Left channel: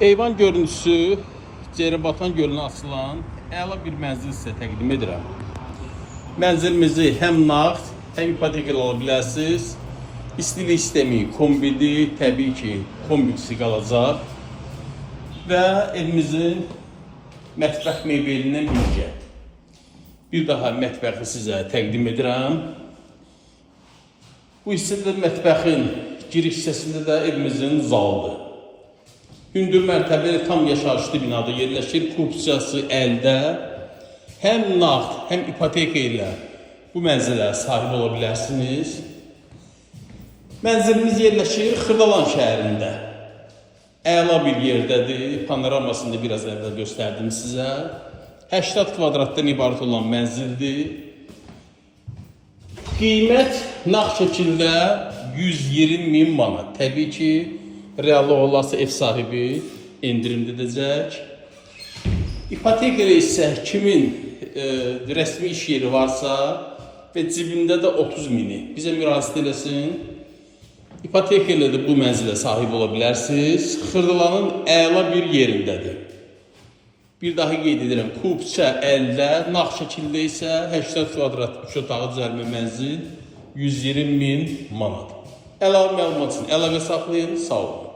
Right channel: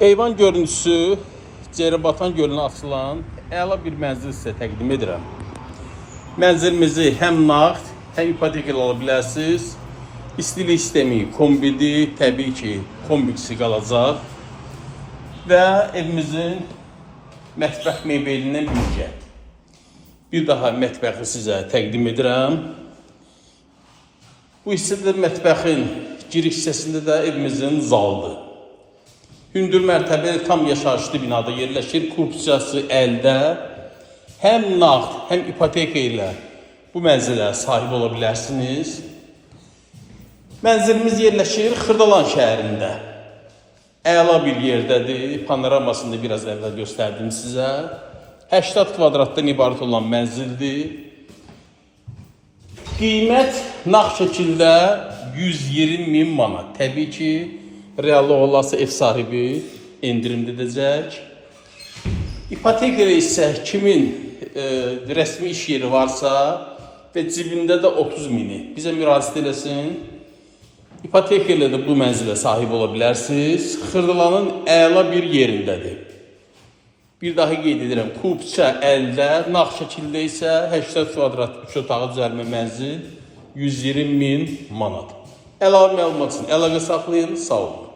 Eyvan görüntüsü Ceribatan gölünə açılan əla bir mənzil sizə təqdim edirəm. Mənzilimizi həm nağd, həm ipoteka ala bilərsiniz. İstilik sistemi kombidi, təbii ki, kompliksi qalacaq. Və evimizin mətbəx mebelindən birgə. Bir daha mətbəxi sizə təqdim edirəm. Bu hissədə mətbəxin giriş hissəsində də evimizin zalıdır. Hündür mərtəbəli tam yaşayışlı binada yerləşir. Korpuscası əldə həm nağd, həm ipoteka ilə bu mənzilə sahib ola bilərsiniz. Mənzilimiz yerləşir Xırdalan şəhərində. Əla bir yerdədir. Panoramasını biraz əvvəl göstərdim sizə. 80 kvadratdan ibarət olan mənzildir. Qiymət nağd şəkildə 120.000 manat. Təbii ki, reallı olası ev sahibi endirim edəcək. İpoteka ilə isə kimin rəsmi iş yeri varsa və cibində də 30.000-i bizə müraciət eləsin. İpoteka ilə də bu mənzilə sahib ola bilərsiniz. Xırdalanın əla bir yerindədir. Bir daha qeyd edirəm, kupça əldə, nağd şəkildə isə 80 kvadrat üç otağı düzəlmə mənzil 120.000 manat. Əlavə məlumat üçün əlaqə saxlayın, sağ olun.